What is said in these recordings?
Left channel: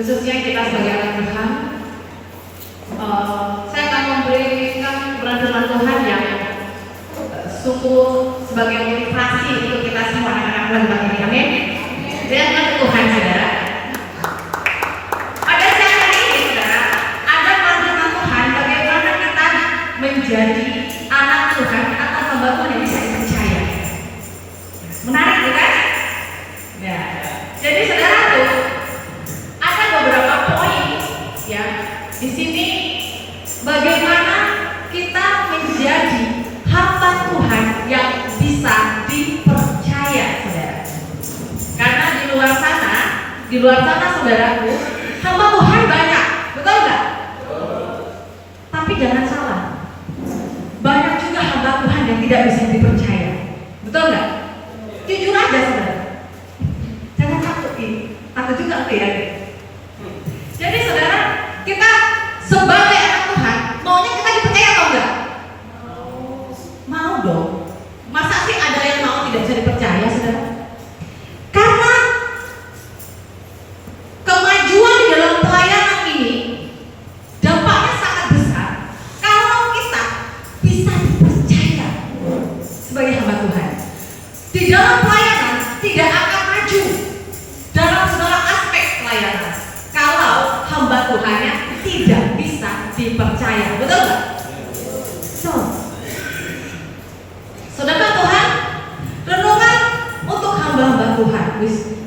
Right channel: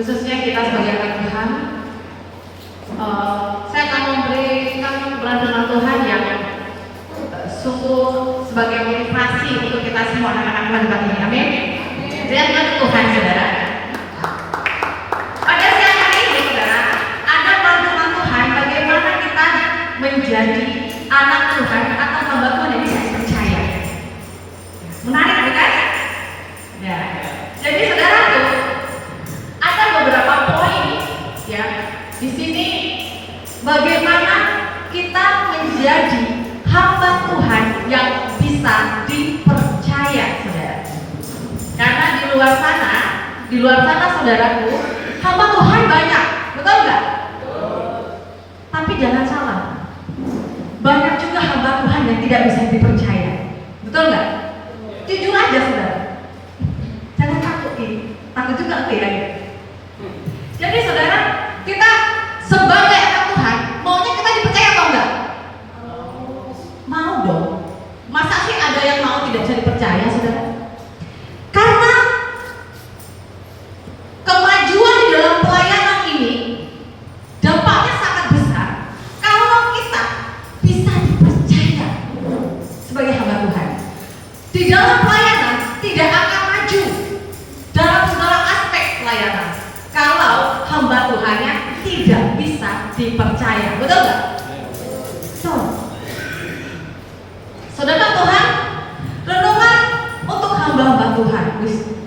khususnya kita sebagai anak Tuhan. Saya akan memberikan firman Tuhan yang sungguh sebagai motivasi untuk kita semua anak-anak Tuhan ini. Amin. Firman Tuhan, saudara. Pada siang hari ini, saudara, ada firman Tuhan bagaimana kita menjadi anak Tuhan atau hamba Tuhan yang bisa dipercaya. Menarik, bukan? Ya. Jadi saudara, ada beberapa poin ya di sini bagaimana kita menjadi hamba Tuhan yang bisa dipercaya, saudara. Karena di luar sana saudaraku, hamba Tuhan banyak, betul nggak? Tapi jangan salah, banyak juga hamba Tuhan yang tidak bisa dipercaya, betul nggak? Jujur aja, saudara. Jangan takut juga ya. Jadi saudara, kita sebagai anak Tuhan maunya kita dipercaya atau enggak? Mau dong. Masa sih ada yang mau tidak bisa dipercaya, saudara? Karena kemajuan di dalam pelayanan ini dampaknya sangat besar kalau kita bisa dipercaya sebagai hamba Tuhan. Di dalam pelayanan tidak akan maju dalam segala aspek pelayanan kalau hamba Tuhannya tidak bisa dipercaya, betul nggak? Saudara Tuhan, renungan untuk hamba-hamba Tuhan.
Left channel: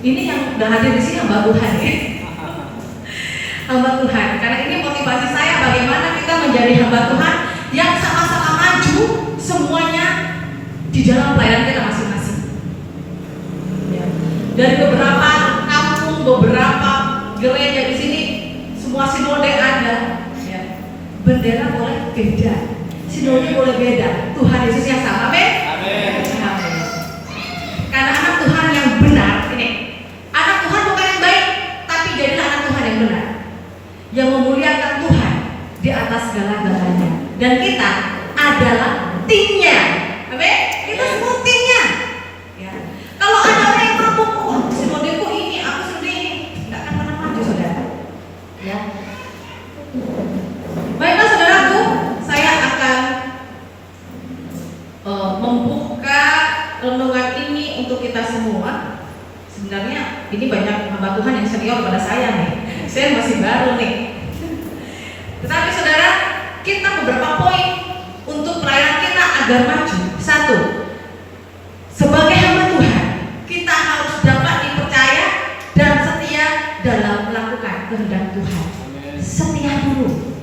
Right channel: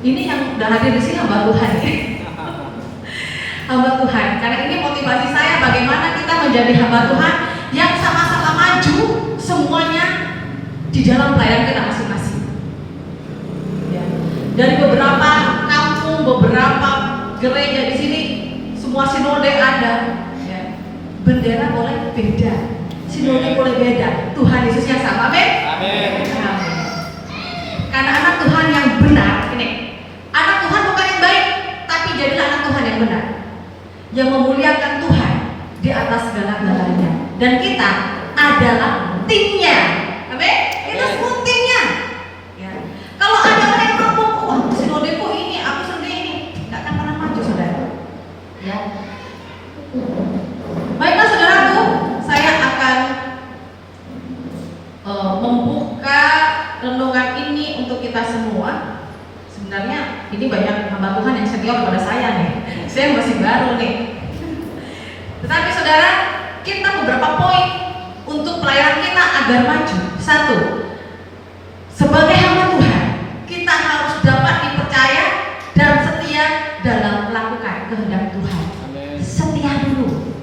Ini yang udah hadir di sini hamba Tuhan ya. Hamba Tuhan, karena ini motivasi saya bagaimana kita menjadi hamba Tuhan yang sama-sama maju semuanya di dalam pelayanan kita masing-masing. Ya. Dari beberapa kampung, beberapa gereja di sini, semua sinode ada. Ya. Bendera boleh beda, sinode boleh beda. Tuhan Yesus yang sama, amin. Amin. Karena anak Tuhan yang benar, ini anak Tuhan bukan yang baik, tapi jadilah anak Tuhan yang benar, yang memuliakan Tuhan di atas segala-galanya. Dan kita adalah timnya, amin. Kita semua timnya. Ya. Kalau ada orang yang ngomong, oh sinodeku ini, aku sendiri ini, nggak akan pernah maju, saudara. Ya. Baiklah saudaraku, saya akan membuka renungan ini untuk kita semua. Sebenarnya ini banyak hamba Tuhan yang senior pada saya nih. Saya masih baru nih. Tetapi saudara, kita beberapa poin untuk pelayanan kita agar maju. Satu, sebagai hamba Tuhan, kita harus dapat dipercaya dan setia dalam melakukan kehendak Tuhan. Setia dulu,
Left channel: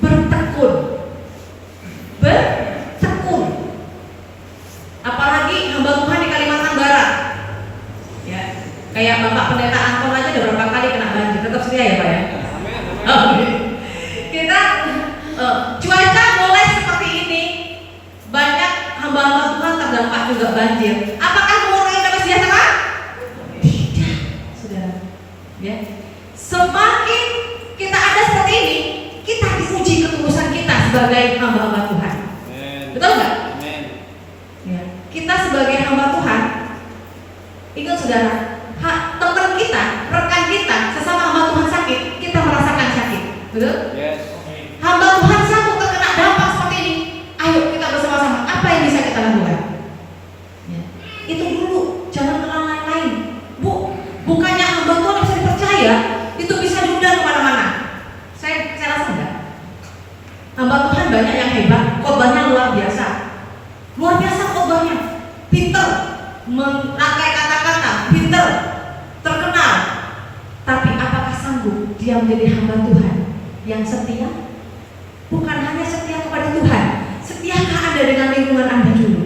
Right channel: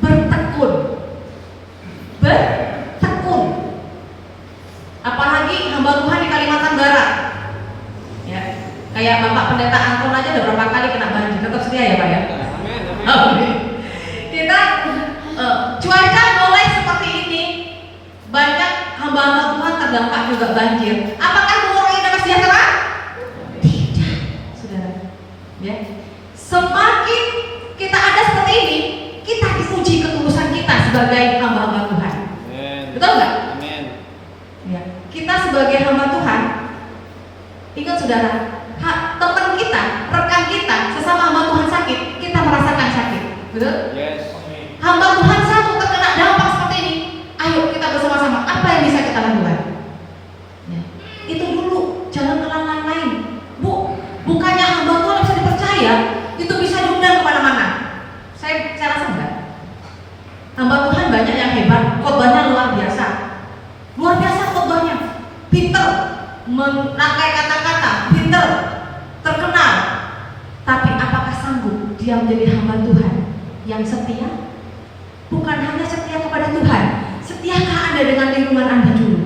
bertekun. Apalagi hamba Tuhan di Kalimantan Barat. Ya, kayak Bapak Pendeta Anton aja udah berapa kali kena banjir, tetap setia ya Pak ya. Kita cuaca boleh seperti ini, banyak hamba-hamba Tuhan terdampak juga banjir. Apakah mengurangi kesejahteraan? Tidak, saudara. Ya, semakin kita ada seperti ini, kita diuji ketulusan kita sebagai hamba-hamba Tuhan. Betul nggak? Ya, kita sebagai hamba Tuhan, ingat saudara, teman kita, rekan kita, sesama hamba Tuhan sakit, kita merasakan sakit, betul? Yes. Hamba Tuhan satu terkena dampak seperti ini, ayo kita bersama-sama, apa yang bisa kita lakukan? Ya. Itu dulu, jangan terlalu lain. Bukannya hamba Tuhan bisa dipercaya, itu bisa diundang kemana-mana. Saya rasa enggak. Hamba Tuhan banyak yang hebat, khotbahnya luar biasa khotbahnya, pinter, merangkai kata-kata, pinter, terkenal. Tapi apakah sanggup dia menjadi hamba Tuhan yang setia? Bukan hanya setia kepada Tuhan, setiakah Anda dengan lingkungan Anda dulu?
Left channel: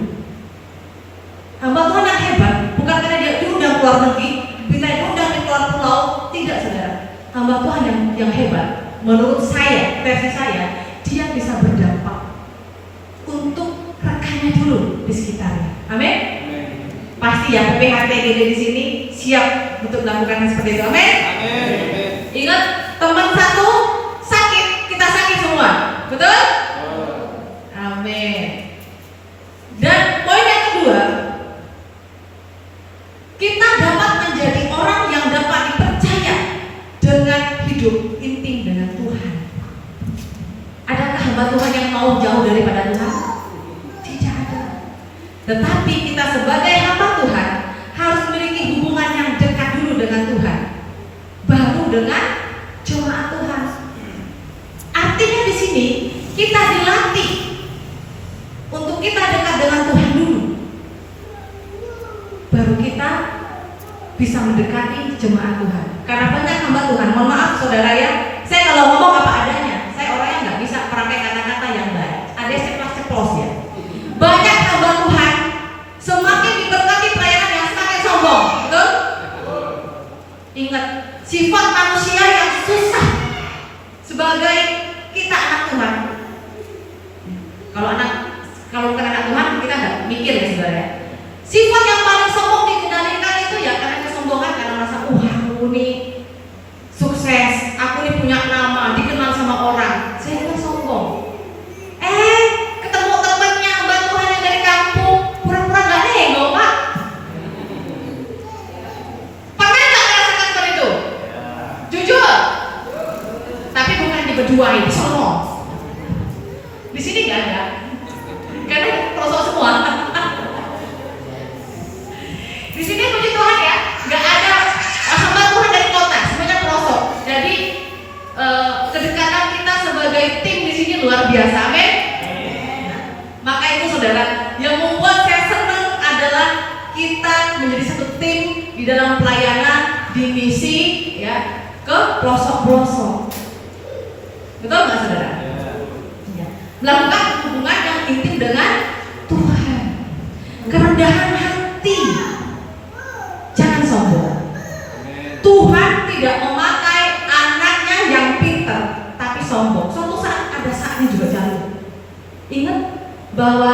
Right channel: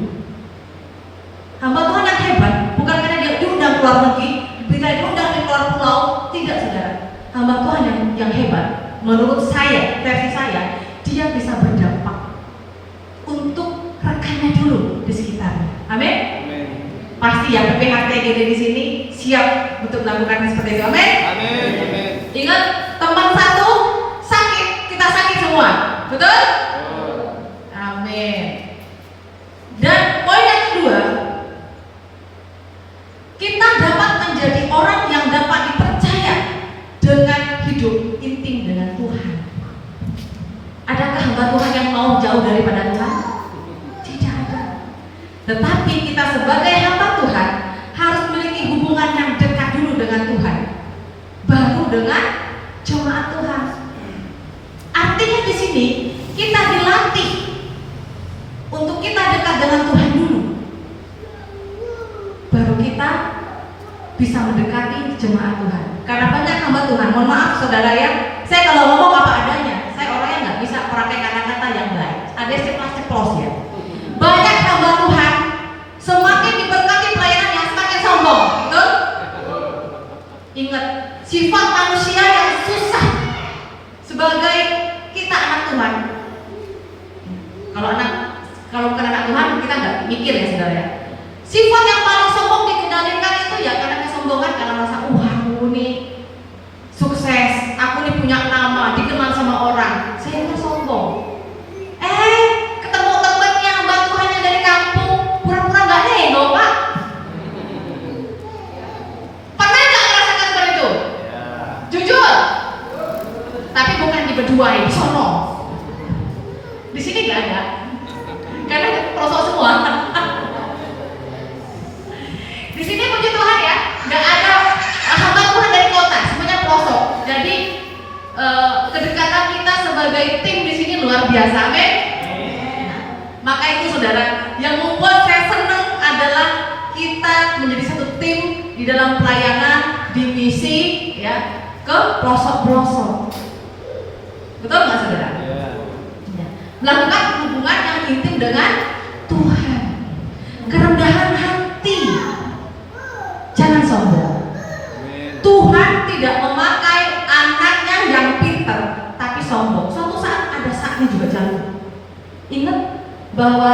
Hamba Tuhan yang hebat bukan karena dia diundang keluar negeri, bisa diundang di luar pulau, tidak saudara. Hamba Tuhan yang hebat, menurut saya, versi saya, dia bisa berdampak untuk rekannya dulu di sekitarnya. Amin. Pasti ya PPHT di sini siap untuk melakukan seperti itu. Amin. Ingat, teman satu sakit, kita sakit semua, betul? Amin. Dan poin yang kedua, kita dapat menjadi orang yang dapat dipercaya dengan hidup intim dengan Tuhan. Adakah hamba Tuhan yang mau jauh daripada Tuhan? Tidak ada. Tetapi kita sebagai hamba Tuhan harus memiliki hubungan yang dekat dulu dengan Tuhan, baru dengan jemaat Tuhan. Artinya di sini kita dilatih untuk kita dekat dengan Tuhan dulu, baru kita bisa mendekati jemaat Tuhan. Karena banyak hamba Tuhan, mohon maaf saudara ya, saya kalau ngomong apa adanya, saya orangnya nggak bisa pakai kata-kata yang baik. Ada ceplos ya. Banyak hamba Tuhan semakin diberkati pelayanannya semakin sombong, betul? Ingat, sifat manusia yang susah sebagai kita anak Tuhan. Kalau bukan anak Tuhan kita nggak mikir ya saudara ya. Sifat yang paling sombong dikendalikan itu ya karena kesombongan, karena merasa aku nih sukses, aku nih punya nama, dikenal sama orang, saya udah sombong. Ketemu temannya hamba Tuhan yang dari kampung, pura-pura nggak nengok pak. Pernah nggak merasakan seperti itu? Jujur. Tapi bukan di berdua, di sono. Di sini nggak ada, karena pelosok semua. Di sini puji Tuhan ya, nggak ada hamba Tuhan dari kota, semuanya pelosok. Jadi kedekatan kita sebagai tim di sini luar biasa, amin. Maka itu saudara, yang membuat saya senang adalah kita menjadi satu tim di dalam pelayanan, di misi ya, ke pelosok-pelosok. Betul nggak saudara? Ya. Melakukan hubungan yang intim dengan Tuhan, kerendahan hati. Jangan sombong. Tuhan tidak memakai anaknya yang pintar tapi sombong. Suatu saat ada saatnya juga jatuh. Ingat bahwa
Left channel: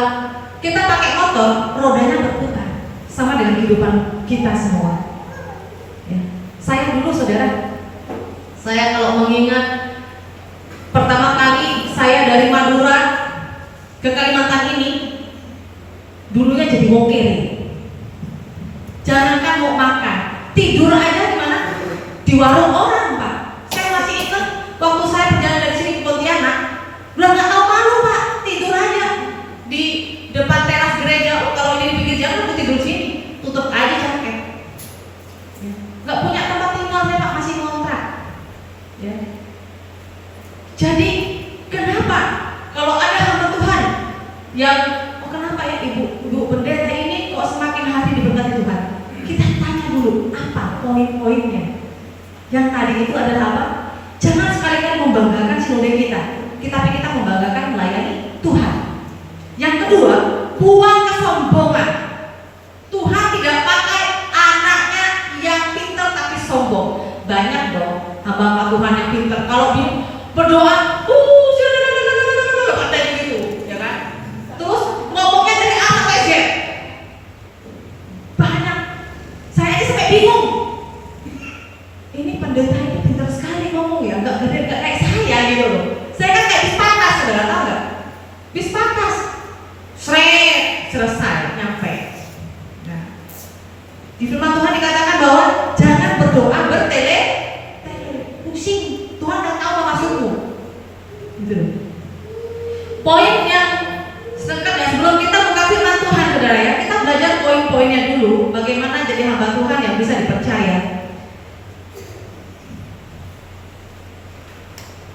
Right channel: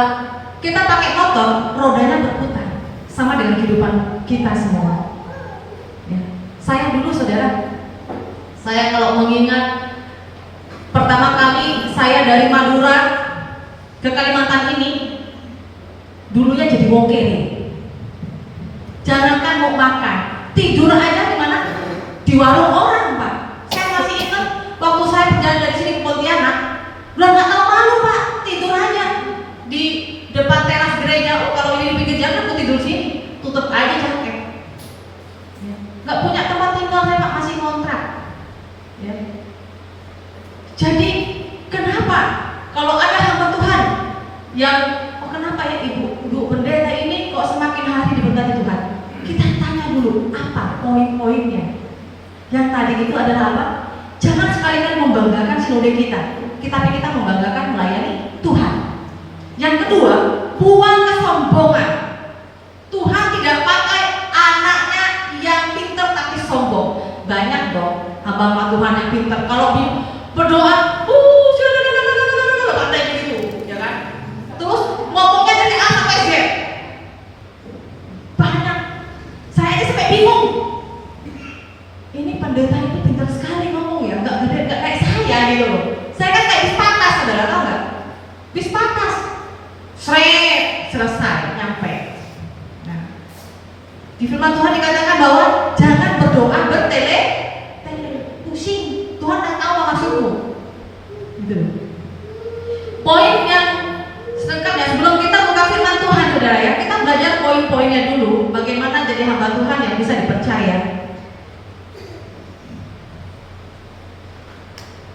kita pakai motor, rodanya berputar, sama dengan kehidupan kita semua. Ya. Saya dulu saudara, saya kalau mengingat pertama kali saya dari Madura ke Kalimantan ini, dulunya jadi wong kere. Jangankan mau makan, tidur aja di mana? Di warung orang, Pak. Saya masih ingat waktu saya berjalan dari sini ke Pontianak, belum nggak tahu malu, Pak. Tidur aja di depan teras gereja. Oh, kalau ini di pinggir jalan, aku tidur sini, tutup aja jaket. Nggak punya tempat tinggal, saya Pak, masih ngontrak. Ya. Jadi kenapa kalau ada hamba Tuhan yang kenapa ya ibu pendeta ini kok semakin hari diberkati Tuhan? Kita tanya dulu apa poin-poinnya. Yang tadi itu adalah apa? Jangan sekali-kali membanggakan sinode kita, tapi kita membanggakan melayani Tuhan. Yang kedua, buang kesombongan. Tuhan tidak pakai anaknya yang pintar tapi sombong. Banyak dong hamba Tuhan yang pintar, kalau berdoa, katanya gitu, ya kan? Terus ngomongnya dari A sampai Z. Banyak. Saya aja sampai bingung. Ini pendeta ini pintar sekali ngomong ya, nggak kayak saya gitu loh. Saya kan kayak bispakas, saudara tahu nggak? Bispakas, selesai, nyampe. Nah, di firman Tuhan dikatakan bahwa jangan berdoa bertele, pusing. Tuhan udah tahu maksudmu. Gitu. Poin yang selengkapnya sebelum kita buka firman Tuhan, saudara ya, kita belajar poin-poinnya dulu. Bagaimana jadi hamba Tuhan yang bisa dipercaya.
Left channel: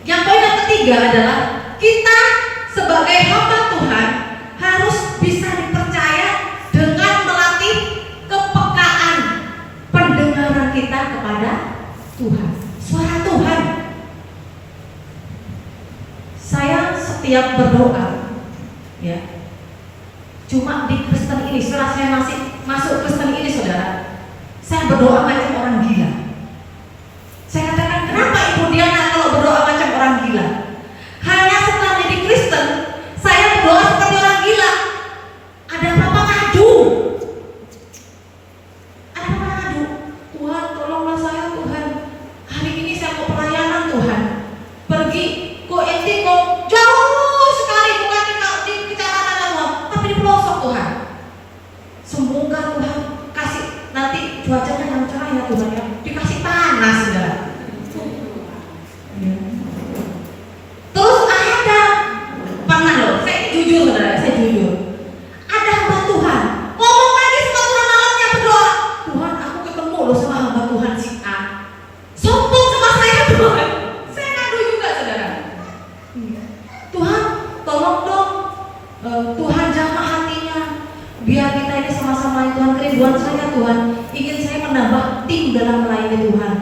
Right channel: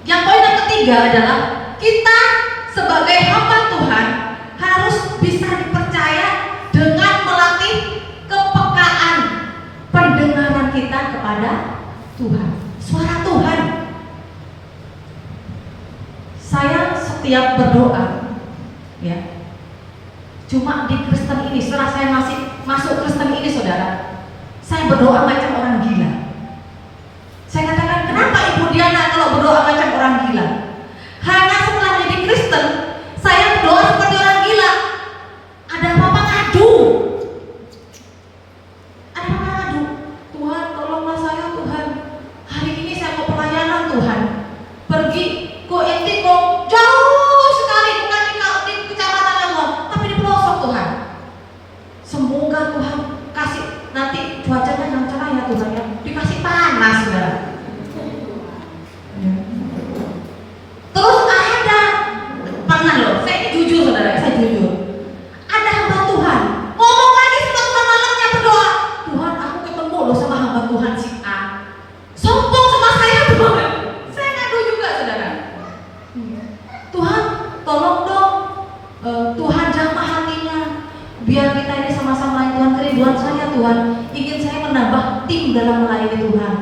Yang poin yang ketiga adalah kita sebagai hamba Tuhan harus bisa dipercaya dengan melatih kepekaan pendengaran kita kepada Tuhan, suara Tuhan. Saya setiap berdoa, ya, cuma di Kristen ini, setelah saya masuk Kristen ini, saudara, saya berdoa macam orang gila. Saya katakan, kenapa Ibu Diana kalau berdoa macam orang gila? Hanya setelah jadi Kristen, saya berdoa seperti orang gila. Ada apa-apa ngadu. Ada apa-apa ngadu. Tuhan, tolonglah saya, Tuhan. Hari ini saya mau pelayanan, Tuhan. Pergi kok jauh sekali, bukan di kecamatan Tuhan, tapi di pelosok Tuhan. Semoga Tuhan kasih nanti cuacanya yang cerah ya Tuhan ya, dikasih panas saudara. kita ini sama-sama Tuhan, kerinduan saya Tuhan, ingin saya menambah tim dalam melayani Tuhan.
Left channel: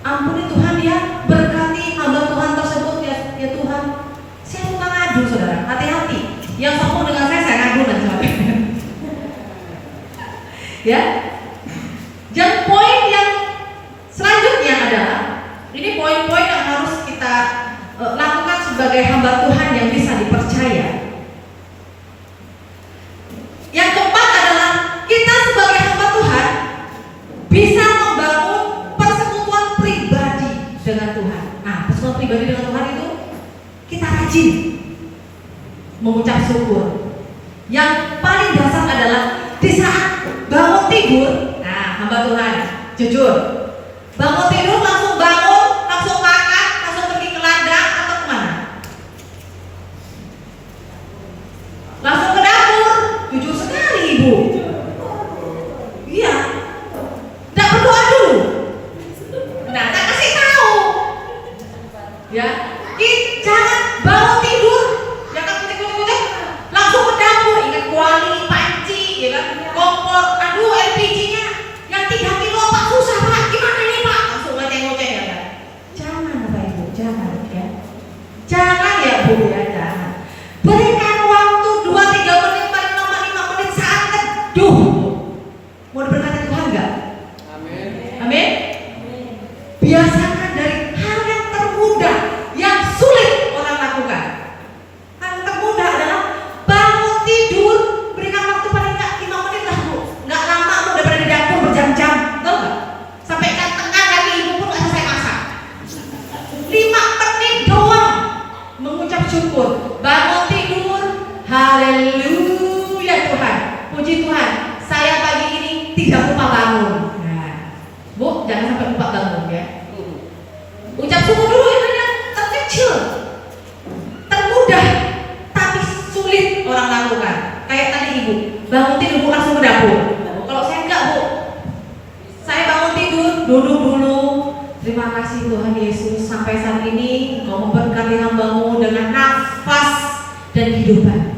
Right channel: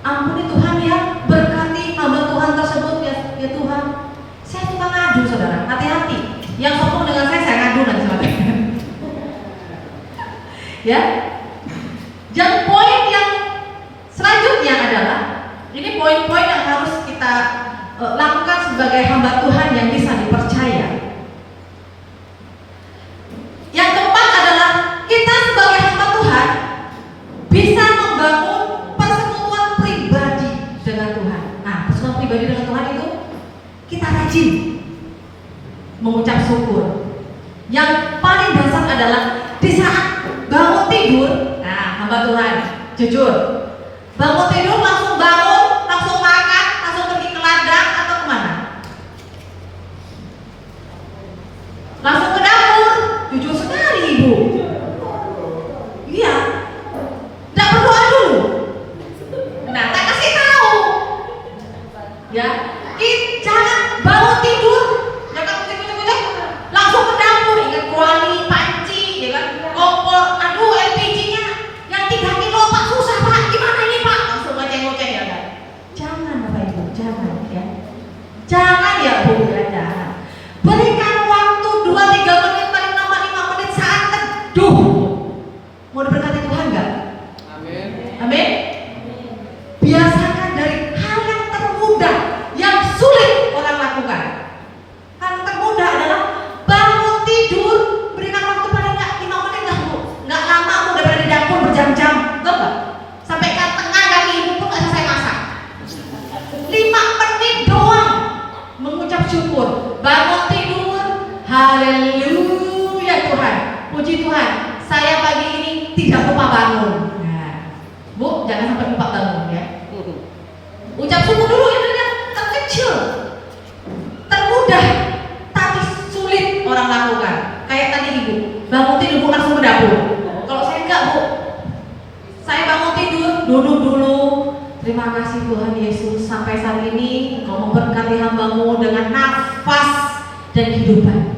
Ampuni Tuhan ya, berkati hamba Tuhan tersebut ya Tuhan. Saya tukang ngadu saudara, hati-hati. Yang sombong dengan saya ngadu dan saudara. Ya. Dan poin yang selanjutnya adalah, ini poin-poin yang harus kita lakukan sebagai hamba Tuhan yang bisa dipercaya. Yang keempat adalah kita sebagai hamba Tuhan bisa membangun persekutuan pribadi dengan Tuhan. Nah, persekutuan pribadi dengan Tuhan itu kita rajin mengucap syukur. Yang paling dasar adalah di saat bangun tidur. Nah, hamba Tuhan jujur, bangun tidur langsung bangun, langsung makan, langsung pergi ke ladang atau kemana? Langsung ke dapur. Jujur sekali ibu. Iya. Tidak berdoa dulu. Nah, tak kasih tahu. Ya, jangan bangun tidur, jangan kucing-kucing, langsung ke dapur. Ingat kuali, panci, ya kan, kompor. Aduh, LPG-nya yang 3 kilo Pak, susah Pak. Gimana ini Pak? Langsung ngoceh-ngoceh ya kan. Jangan Bapak Ibu, jangan ya. Jangan ya Bu ya, jangan. Berikan waktu 2-3 menit, paling lama 5 menit saat teduh. Mau diberkati Tuhan enggak? Amin. Amin. Biasakan dari hal yang termudah, yang sulit orang lakukan. Hal termudah adalah bangun tidur, berikan waktu paling enggak 5 menit lah Bu. Enggak lama Bu, daripada di dapur berjam-jam. Tahu enggak? Sampai kan tengah kaki ibu pun enggak selesai masak. 5 menit doang mengucap syukur. Bangun tidur, haleluya Tuhan, puji Tuhan, saya pagi ini tidak lupa bangun. Nah, Bu, jangan sampai lupa bangun ya. Ucap syukur dulu, ini yang terkecil, termudah, tapi sulit orang lakukan. Kayak tadi ibu, bangun tidur Bu langsung ke dapur. Kalau saya enggak Bu, saya bangun tidur, duduk dulu. Terima kasih Tuhan Yesus, sampai saat ini Engkau memberkati hamba-Mu dengan nafas dan kehidupan.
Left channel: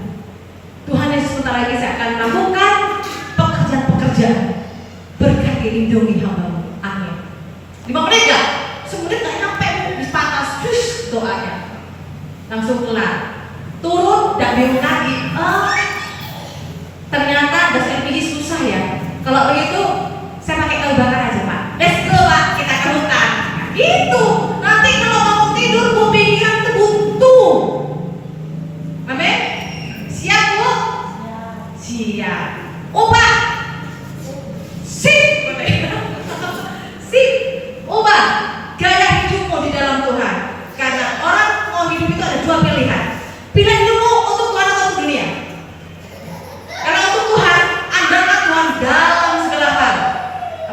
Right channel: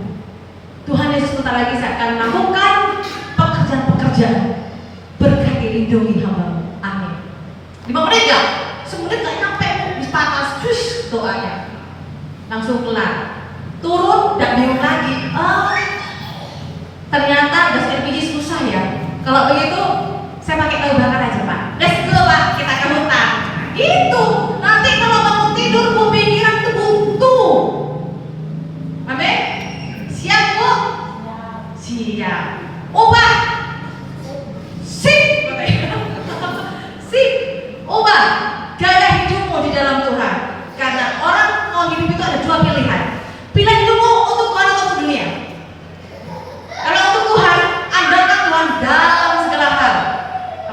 Tuhan Yesus, sebentar lagi saya akan melakukan pekerjaan-pekerjaan. Berkati lindungi hamba-Mu. Amin. 5 menit ya? 10 menit gak nyampe Bu, bisa atas doanya. Langsung kelar. Turun, gak bingung lagi. Ternyata gas LPG susah ya. Kalau begitu, saya pakai kayu bakar aja Pak. Let's go Pak, kita ke hutan. Itu nanti kalau bangun tidur Bu pikiran itu buntu. Amin. Siap Bu? Siap. Ubah. Sip. Sip. Ubah gaya hidupmu di dalam Tuhan. Karena orang mau hidup itu ada 2 pilihan. Pilihan hidupmu untuk Tuhan atau untuk dunia. Karena untuk Tuhan, andalkan Tuhan dalam segala hal.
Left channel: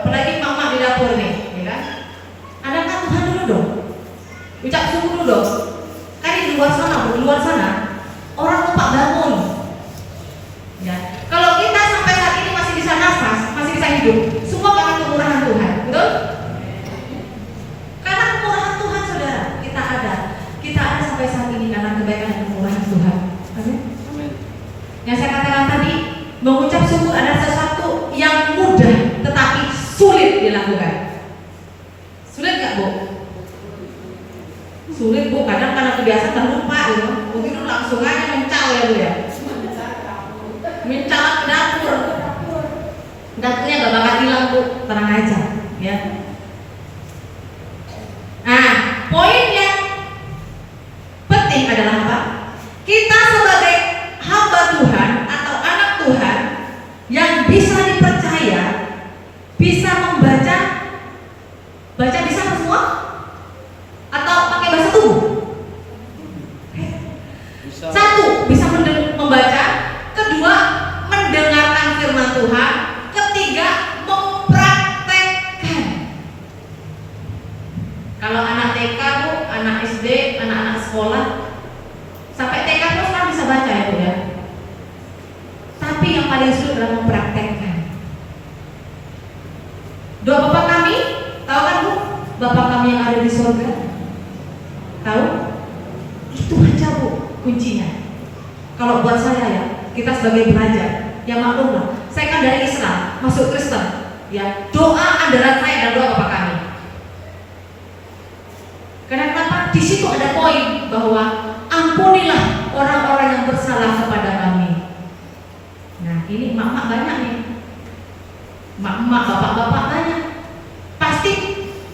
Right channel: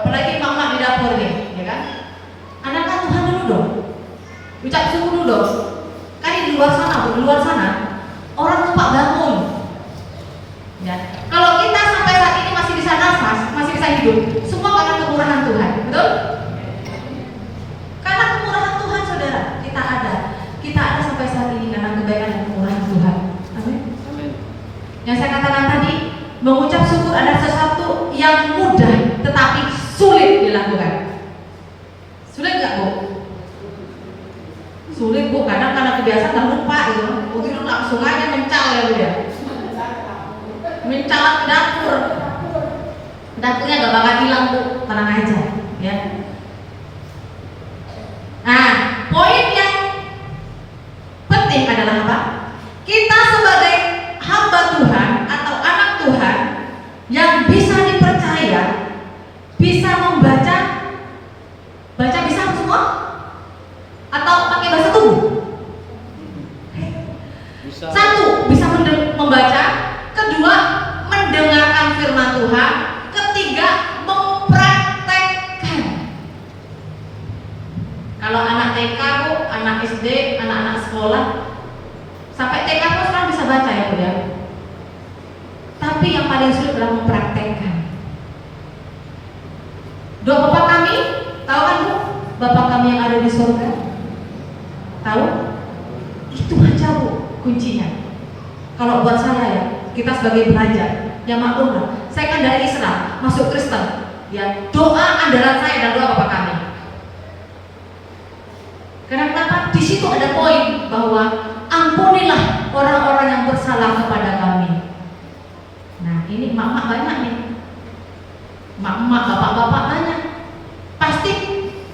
Apalagi mama di dapur nih, ya kan? Andalkan Tuhan dulu dong. Ucap syukur dulu dong. Kan di luar sana, orang lupa bangun. Ya. Kalau kita sampai saat ini masih bisa nafas, masih bisa hidup, semua karena kemurahan Tuhan, betul? Karena kemurahan Tuhan saudara, kita ada sampai saat ini karena kebaikan dan kemurahan Tuhan. Amin. Yang saya katakan tadi, mengucap syukur adalah sesuatu yang mudah tetapi sulit dilakukan. Sulit nggak Bu? Sulit Bu, kadang karena kebiasaan dan lupa gitu. Mungkin langsung aja mencal ya Bu ya. Mencal ke dapur. Dapurnya gak bakal hilang Bu, tenang aja ya. Nah, poin yang penting adalah apa? Kita sebagai hamba Tuhan atau anak Tuhan yang bisa dipercaya, bisa membaca bisa semua? Atau pakai bahasa tubuh? Satu, bisa membaca. Kedua, mendengarkan firman Tuhan. Ketiga, mempraktekkan. Kalau anak TK Bu, anak SD, anak-anak sekolah, sampai TK pun sekarang bisa baca ya Bu ya. Tapi yang paling sulit adalah mempraktekkan. Doa Bapa kami, tahu kan Bu? Bapa kami yang ada di surga. Tahu? Itu aja Bu kuncinya. Kalau buat saya ya, kita sebagai pelajar, ya maklum lah, Saya kan dari Islam, masuk Kristen. Ya, doa andalan saya dan doa Bapak kami. Kenapa? Di situ ada poin bahwa ampunilah orang-orang yang bersalah kepada kami. Nah, ini emak-emak banyak nih. Emak-emak, bapak-bapak banyak. Pasti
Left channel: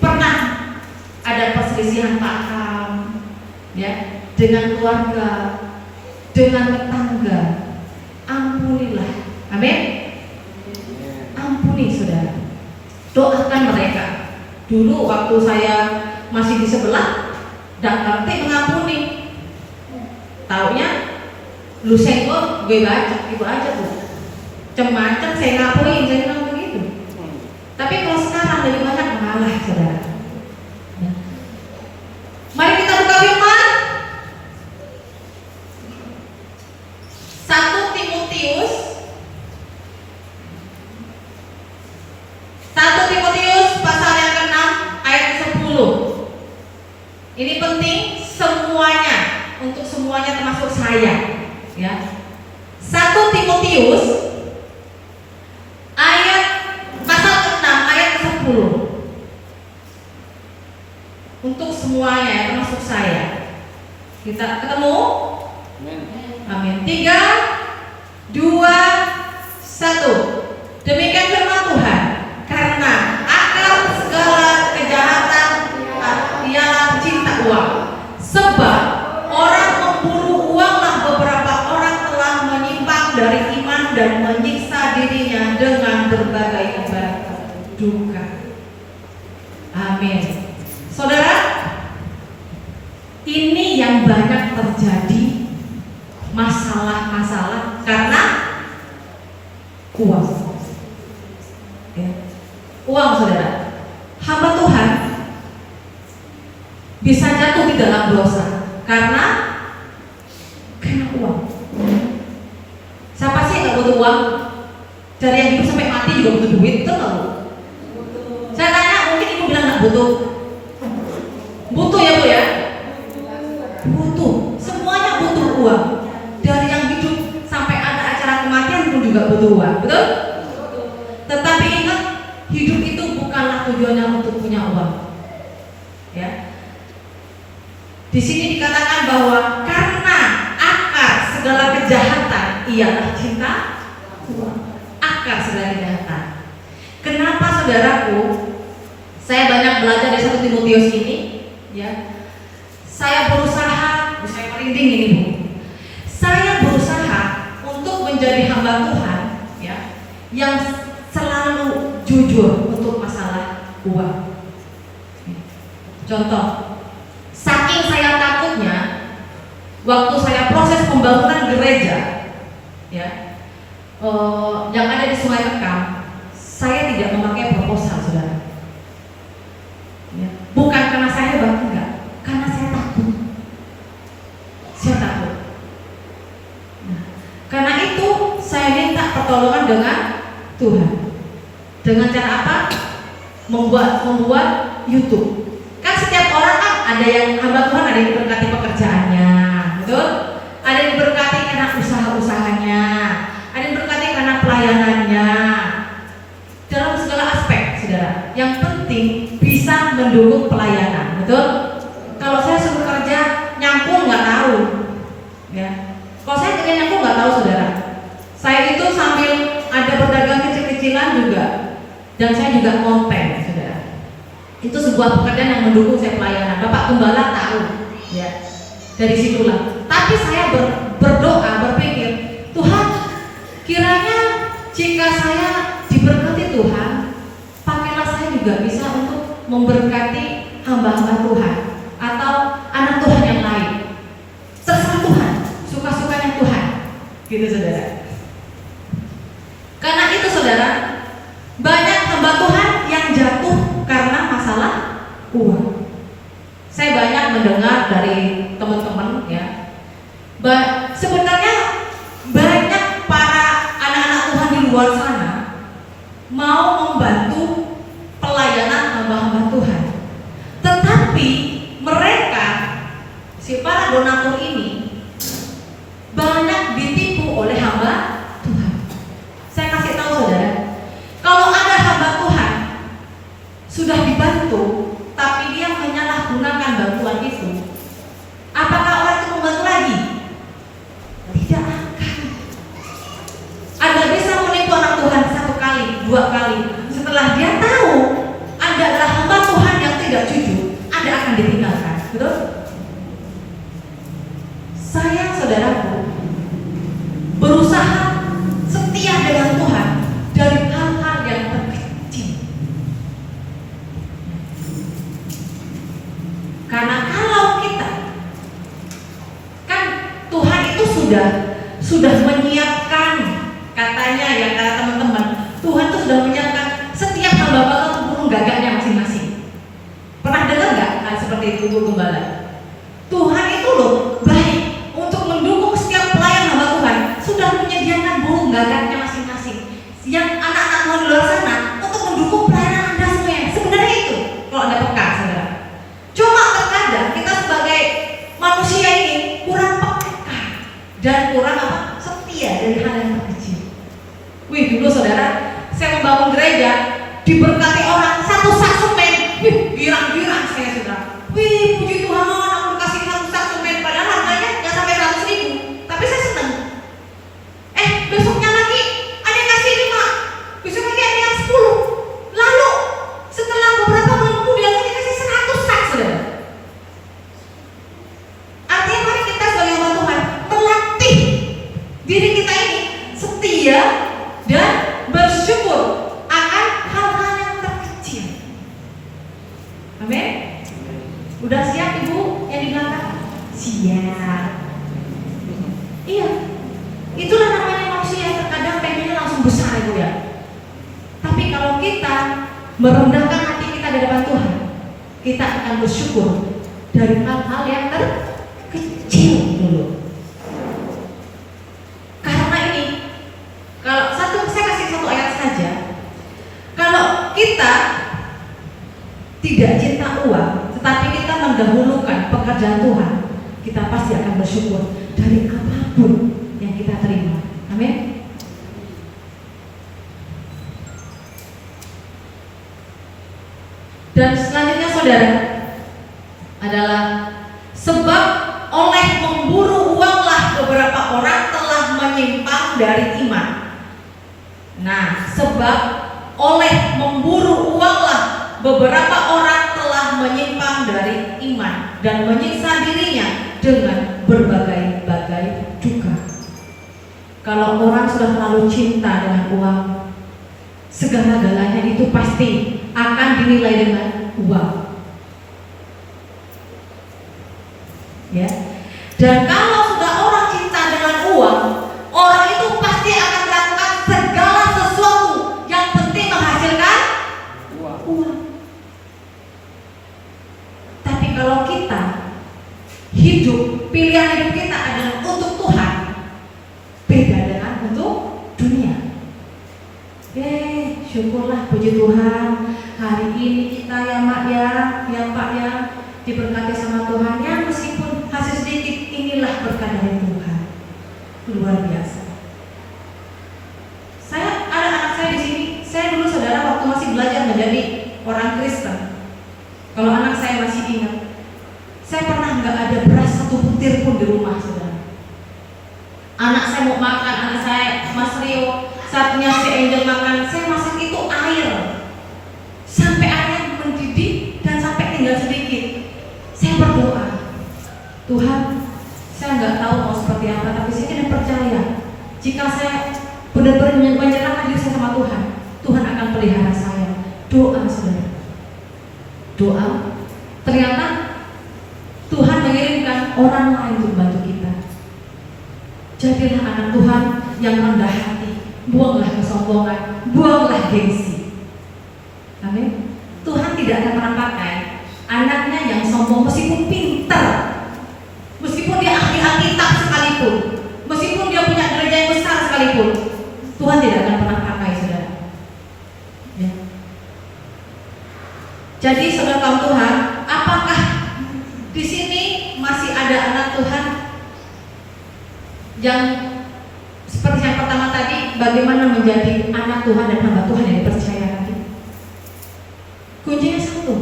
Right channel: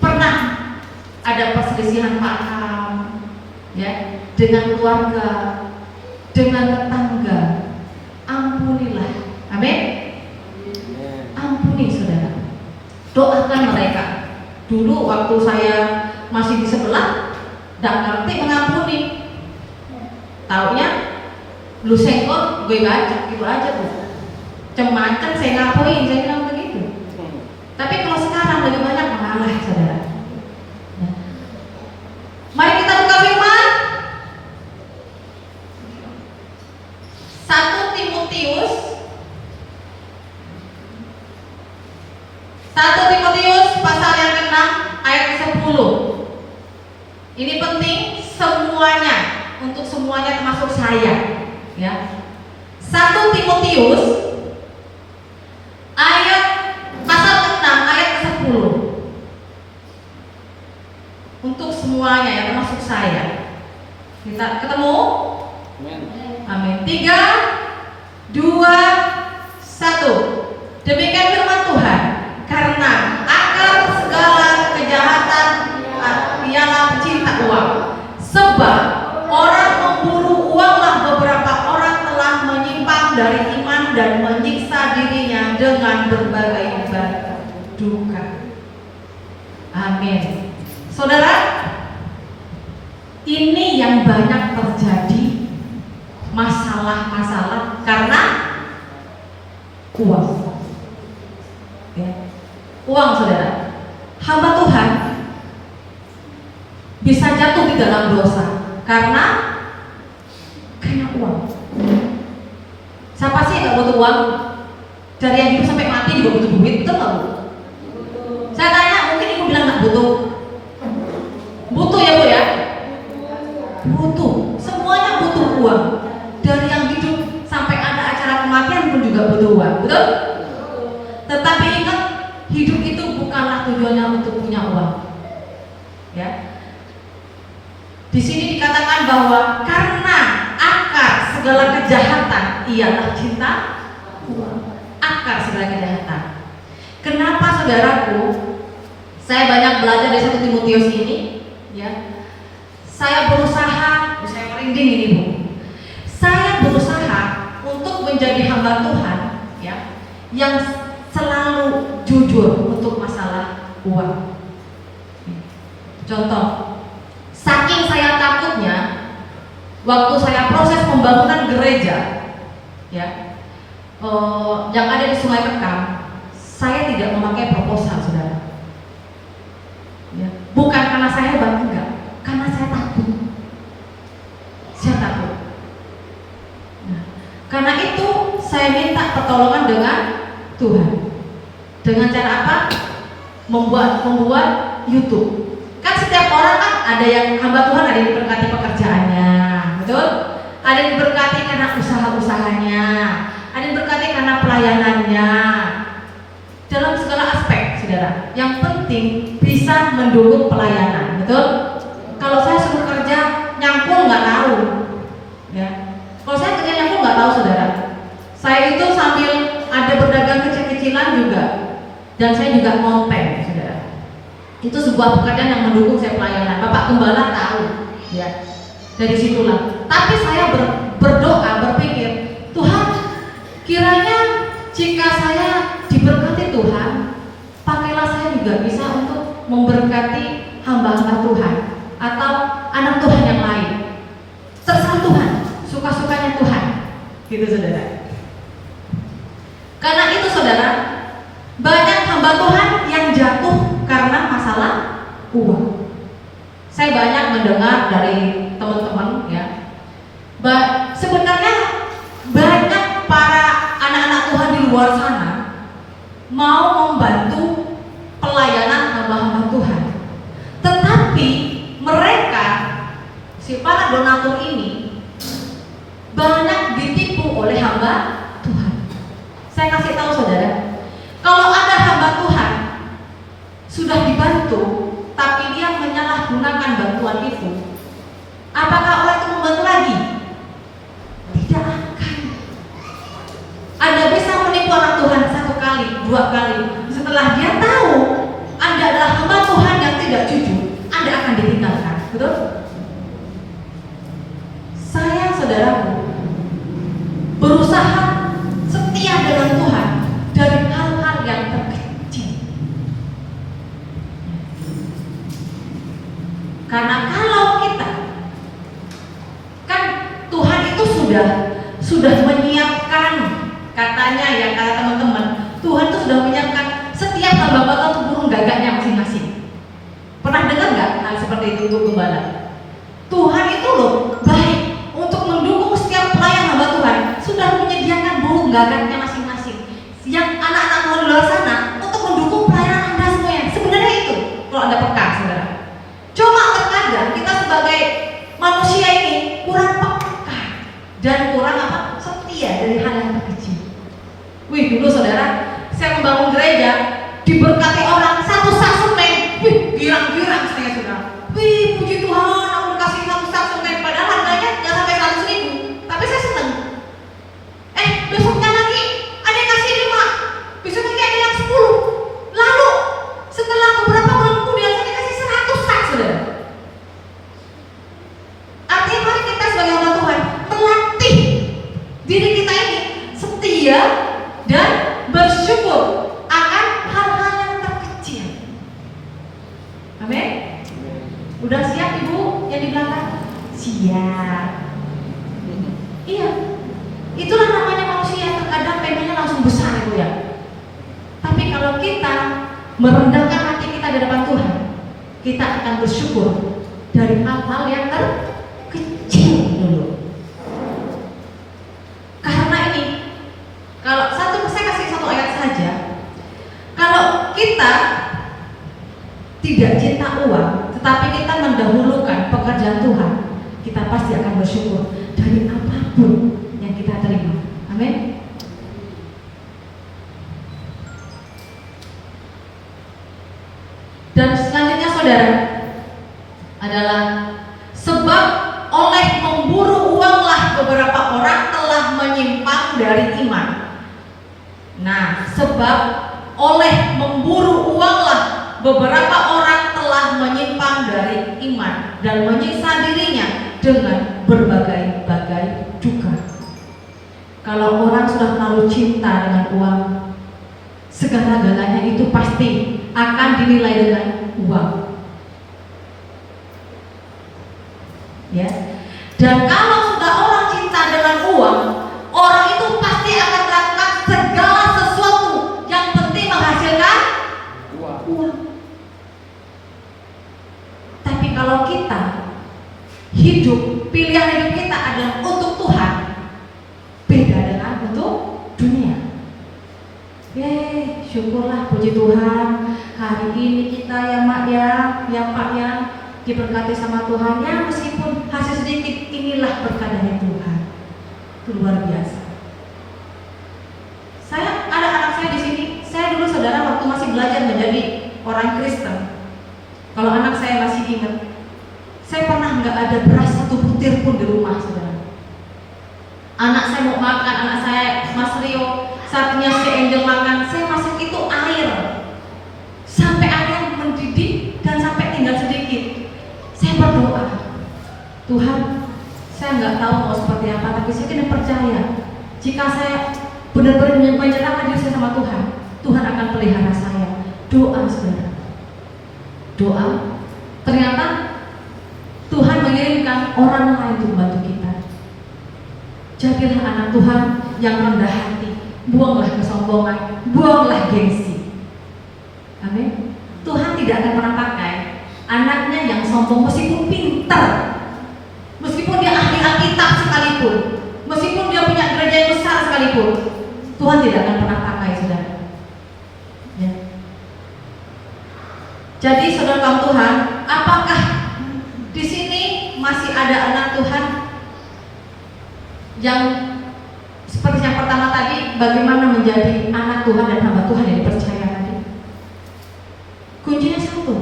pernah ada perselisihan paham, ya, dengan keluarga, dengan tetangga. Ampunilah. Amin. Ampuni saudara. Doakan mereka. Dulu waktu saya masih di sebelah, tidak ngerti mengampuni. Taunya lu senggol, gue baca, gitu aja tuh. Macam-macam saya ngapain, saya bilang begitu. Tapi kalau sekarang lebih banyak mengalah saudara. Ya. Mari kita buka firman 1 Timotius 1 Timotius pasal yang ke-6 ayat 10. Ini penting semuanya, untuk semuanya termasuk saya, ya. 1 Timotius ayat pasal ke-6 ayat 10. Untuk semuanya ya, termasuk saya. Kita ketemu? Amin. 3, 2, 1. Demikian firman Tuhan. Karena akar segala kejahatan ialah cinta uang. Sebab orang memburu uanglah beberapa orang telah menyimpang dari iman dan menyiksa dirinya dengan berbagai duka. Amin. Saudara, ini yang banyak terjadi masalah-masalah karena uang. Ya. Uang saudara. Hamba Tuhan bisa jatuh di dalam dosa karena uang. Siapa sih yang gak butuh uang? Dari yang hidup sampai mati juga butuh duit, betul gak Bu? Saya tanya, mungkin ibu bilang gak butuh. Butuh ya Bu ya? Butuh, semuanya butuh uang. Dari yang hidup sampai ada acara kematian pun juga butuh uang, betul? Tetapi ingat, hidup itu bukanlah tujuannya untuk punya uang. Ya. Di sini dikatakan bahwa karena akar segala kejahatan ialah cinta uang. Akar segala kejahatan. Kenapa saudaraku? Saya banyak belajar dari 1 Timotius ini, ya. Saya berusaha, saya merinding ini Bu. Saya berusaha untuk menjadi hamba Tuhan, ya, yang selalu jujur untuk masalah uang. Contoh, saking saya takutnya, waktu saya proses pembangunan gereja, ya, yang ada di Sungai Rekam, saya tidak memakai proposal, saudara. Ya. Bukan karena saya hebat, enggak, karena saya takut. Saya takut. Nah, karena itu saya minta pertolongan dengan Tuhan. Dengan cara apa? Membuat YouTube. Kan setiap orang kan ada yang hamba Tuhan, ada yang diberkati pekerjaannya, betul? Ada yang diberkati karena usaha-usahanya, ada yang diberkati karena pelayanannya. Dalam segala aspek, saudara. Yang penting bisa mendukung pelayanan, betul? Kalau saya suruh kerja nyangkul nggak tahu, ya. Kalau saya kerja nyangkul nggak tahu, saudara. Saya itu sambil ada berdagang kecil-kecilan juga, dan saya juga konten, saudara. Itu sebuah pekerjaan yang mendukung saya pelayanan. Bapak Gembala tahu, ya. Dari situlah. Tapi saya berdoa, berpikir, Tuhan, kiranya jika saya diberkati Tuhan, pakailah saya juga bisa untuk memberkati hamba-hamba Tuhan atau anak Tuhan yang lain. Terserah Tuhan, suka-sukanya Tuhan, gitu saudara. Karena itu saudara, banyak hamba Tuhan yang jatuh karena masalah uang. Saya banyak mendengar dari teman-teman, ya. Sebenarnya banyak para anak-anak Tuhan di luar sana mau membantu pelayanan hamba-hamba Tuhan, tetapi mereka, si para donatur ini, banyak ditipu oleh hamba Tuhan. Saya kasih tahu itu, tapi dia menyalahgunakan bantuan itu, apakah orang itu membantu lagi? Tidak akan. Anda bisa menipu orang Tuhan 1 kali, 2 kali. Setelah dia tahu Anda adalah hamba Tuhan yang tidak jujur, Anda akan ditinggalkan. Betul? Sayang saudaraku, berusaha setia dengan Tuhan dari hal-hal yang terkecil. Karena kalau kita kan Tuhan itu sudah menyiapkan, katanya ya, kata teman-teman, Tuhan itu sudah menyiapkan setiap hamba itu burung gagaknya masing-masing. Pernah dengar nggak hal seperti itu untuk gembala? Tuhan itu loh baik untuk mendukung setiap pelayan hamba Tuhan, sudah menyediakan burung gagaknya masing-masing yang anak-anak Tuhan di luar sana untuk mendukung pelayanan Anda semuanya. Sebenarnya itu kalau Anda peka, saudara. Cuma terkadang kita sebagai manusia ini kurang peka dan kurang setia dari hal yang terkecil. Wih, dulu saudara, saya membangun gereja, diberkati orang 1 sak semen, wih, girang-girang saya, saudara. Wih, puji Tuhan, aku kasih 1 sak semen, padahal harganya nggak sampai 100.000, tapi saya senang. Besoknya lagi ada yang kasih 5, besok lagi ada yang 10. Lalu setelah beberapa bulan kemudian saya dikasih 100 sak, saudara. Artinya mari kita sebagai orang Tuhan melatih diri kita ini setia dan bersyukur akan hal-hal yang terkecil. Amin. Udah siap Ibu yang di belakang? Siap. Iya. Itulah namanya manusia, terkadang pengennya langsung besar, Ibu ya. Tapi kalau kita merendahkan hati kita di depan Tuhan, kita akan bersyukur dari hal-hal yang terkecil dulu. Karena ini, kalau saya kasih 1 ayat saja. Kalau kita tidak cinta uang, tetapi kita mendahulukan pekerjaan Tuhan, kita pasti akan bersyukur dari apapun yang kita terima. Amin. Dan selanjutnya saudara adalah sebab oleh memburu uanglah beberapa orang telah menyimpang dari iman. Nah, sebab oleh memburu uanglah beberapa orang telah menyimpang dari iman dan menyiksa dirinya dengan berbagai-bagai duka. Kalau orang sudah terlalu cinta dengan uang, segala-galanya itu pasti akan dinilai dengan uang. Ya. Dan kalau sudah orang cinta dengan uang, orang itu pasti akan melakukan segala sesuatu yang penting menghasilkan uang. Tapi kalau kita hidup, pilihan hidup kita adalah untuk Tuhan, beda dengan untuk dunia. Syukurlah, puji Tuhan, hari ini kita ya Mak ya Pak ya, diberkati sama Tuhan ya, meskipun hasil sedikit, inilah berkat dari Tuhan. Luar biasa. Saya ada anak saya di sini. Saya dulu saudara waktu masih belajar menjadi orang Kristen. Kalau anak saya masih ingat, saya pernah nggak ada beras 1 butir pun di rumah, saudara. Anak saya mau makan, anak saya Mas Rio, saatnya si Angel makan, saya masak itu air sampai airnya mendidih dan sampai tinggal sedikit. Saya berdoa, Tuhan, saya nggak tahu mau seperti apa, tapi saya tidak percaya jika saya benar-benar menyerahkan diri saya sama Tuhan, Tuhan akan pelihara saya. Doa, saudara, doa. Ternyata Tuhan mengirimkan orang lain untuk membantu kita. Jadilah anak Tuhan yang rendah hati, buanglah kesombongan, buanglah gengsi. Amin. Tuhan tidak akan pernah pakai anaknya yang sombong meskipun pintar, meskipun dia ahli Alkitab sekalipun, meskipun dia punya gereja yang besar sekalipun, Tuhan tidak akan pernah pakai, saudara. Ya. Jadi saudara kaum Tuhan, apakah di sini masih ada anak Tuhan yang seperti yang pertama tadi, bagaimana menjadi anak Tuhan dan hamba Tuhan yang dipercayai? Kuncinya satu,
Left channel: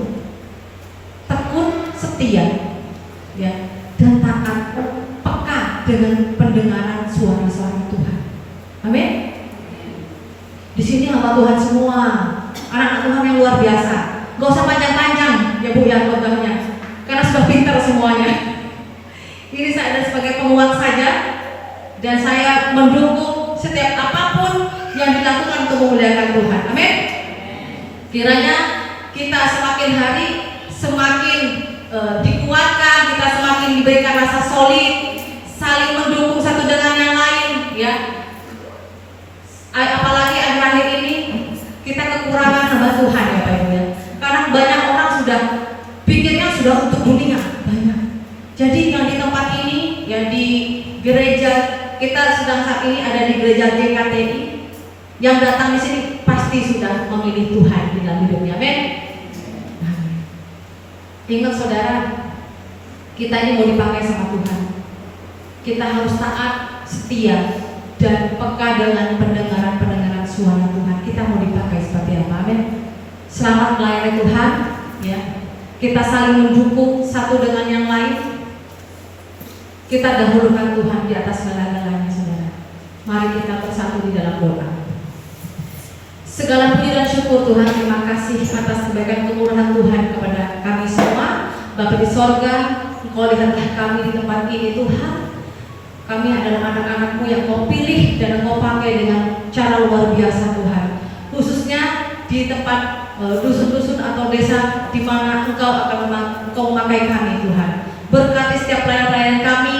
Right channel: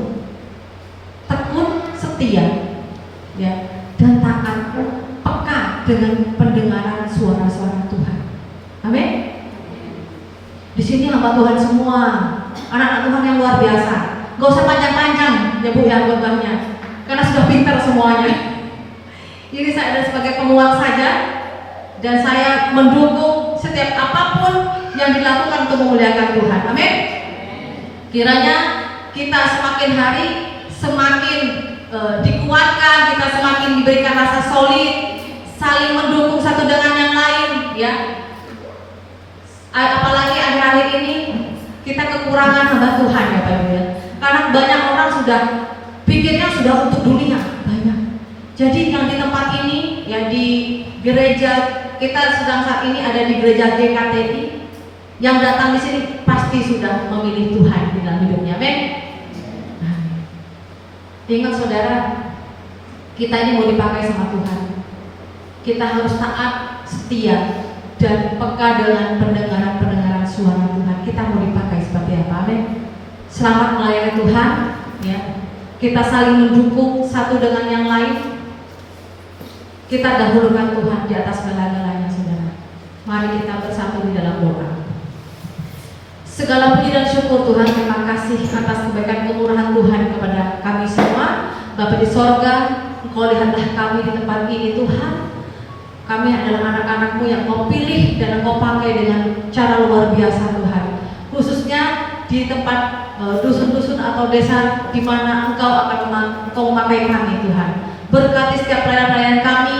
Tuhan semua, anak-anak Tuhan yang luar biasa. Gak usah panjang-panjang ya Bu ya khotbahnya, karena sudah pintar semuanya. Ini saya ada sebagai penguat saja, dan saya mendukung setiap apapun yang dilakukan untuk memuliakan Tuhan. Amin. Kiranya kita semakin hari semakin dikuatkan, kita semakin diberikan rasa solid, saling mendukung satu dengan yang lain, ya. Apalagi akhir-akhir ini kita kekurangan hamba Tuhan ya Pak Ibu ya. Karena banyak orang sudah pikirnya sudah untuk dunia banyak. Jadi yang di tempat ini, yang di gereja kita sedang saat ini ada di gereja JKTI, yang datang di sini pasti sudah memilih Tuhan di dalam hidupnya. Amin. Ingat saudara, kita ini mau dipakai sama Tuhan. Kita harus taat, setia, dan peka dengan pendengaran suara Tuhan. Kita mau dipakai seperti apa? Amin. Selamat melayani Tuhan, ya. Kita saling mendukung satu dengan yang lain. Kita dahulukan Tuhan di atas segala-galanya, saudara. Mari kita bersatu di dalam doa. Segala puji dan syukur Tuhan, terima kasih atas kebaikan kemurahan Tuhan kepada kami semua. Bapa di sorga, Engkau lihatlah kami di tempat ini Tuhan. Kami adalah anak-anak-Mu yang Kau pilih dan Kau pakai dengan cara luar biasa Tuhan. Khususnya di tempat dusun-dusun atau desa di mana Engkau memakai kami Tuhan. Berkati setiap pelayan-pelayan kami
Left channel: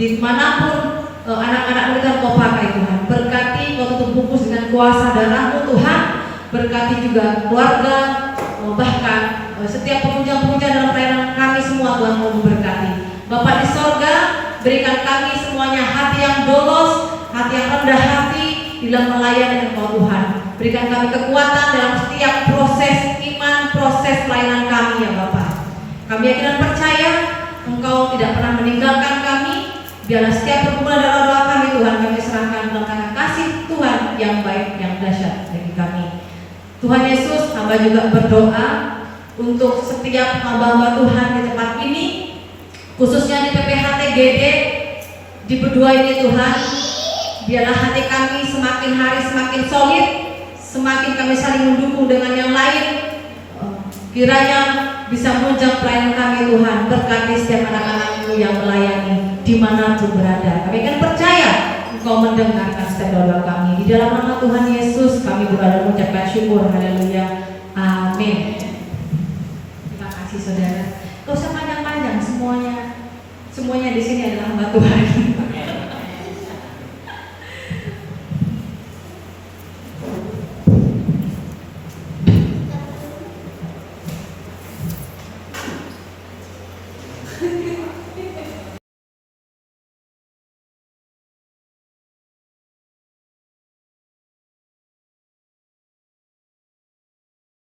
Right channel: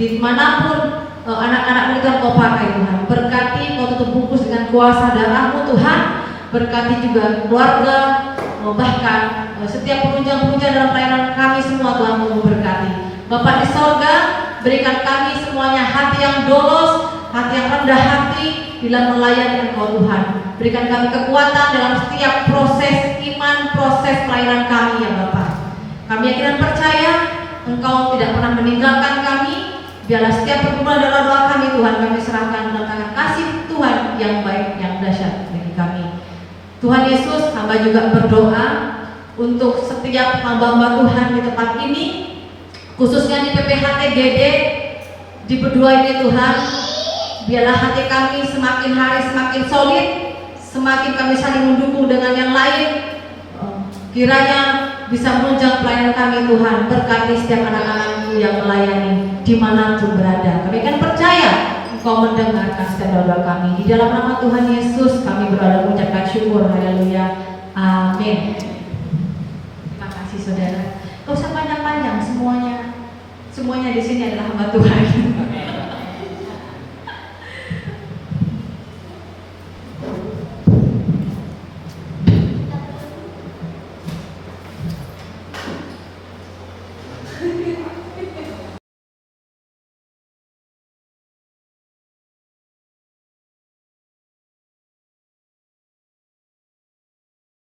dimanapun anak-anak Tuhan Kau pakai Tuhan. Berkati Kau tutup bungkus dengan kuasa darah-Mu Tuhan. Berkati juga keluarga, bahkan setiap penunjang-penunjang dalam pelayanan kami semua Tuhan Kau berkati. Bapa di sorga, berikan kami semuanya hati yang dolos, hati yang rendah hati di dalam melayani Engkau Tuhan. Berikan kami kekuatan dalam setiap proses iman, proses pelayanan kami ya Bapak. Kami yakin dan percaya Engkau tidak pernah meninggalkan kami. Biarlah setiap pergumulan dalam doa kami Tuhan, kami serahkan dalam tangan kasih Tuhan yang baik, yang dahsyat bagi kami. Tuhan Yesus, hamba juga berdoa untuk setiap hamba-hamba Tuhan di tempat ini, khususnya di PPHT GD, di berdua ini Tuhan. Biarlah hati kami semakin hari semakin solid, semakin kami saling mendukung dengan yang lain. Kiranya bisa menunjang pelayanan kami Tuhan. Berkati setiap anak-anak-Mu yang melayani dimanapun berada. Kami akan percaya Engkau mendengarkan setiap doa kami. Di dalam nama Tuhan Yesus kami berdoa mengucapkan syukur. Haleluya. Amin. Terima kasih saudara. Gak usah panjang-panjang, semuanya di sini adalah hamba Tuhan.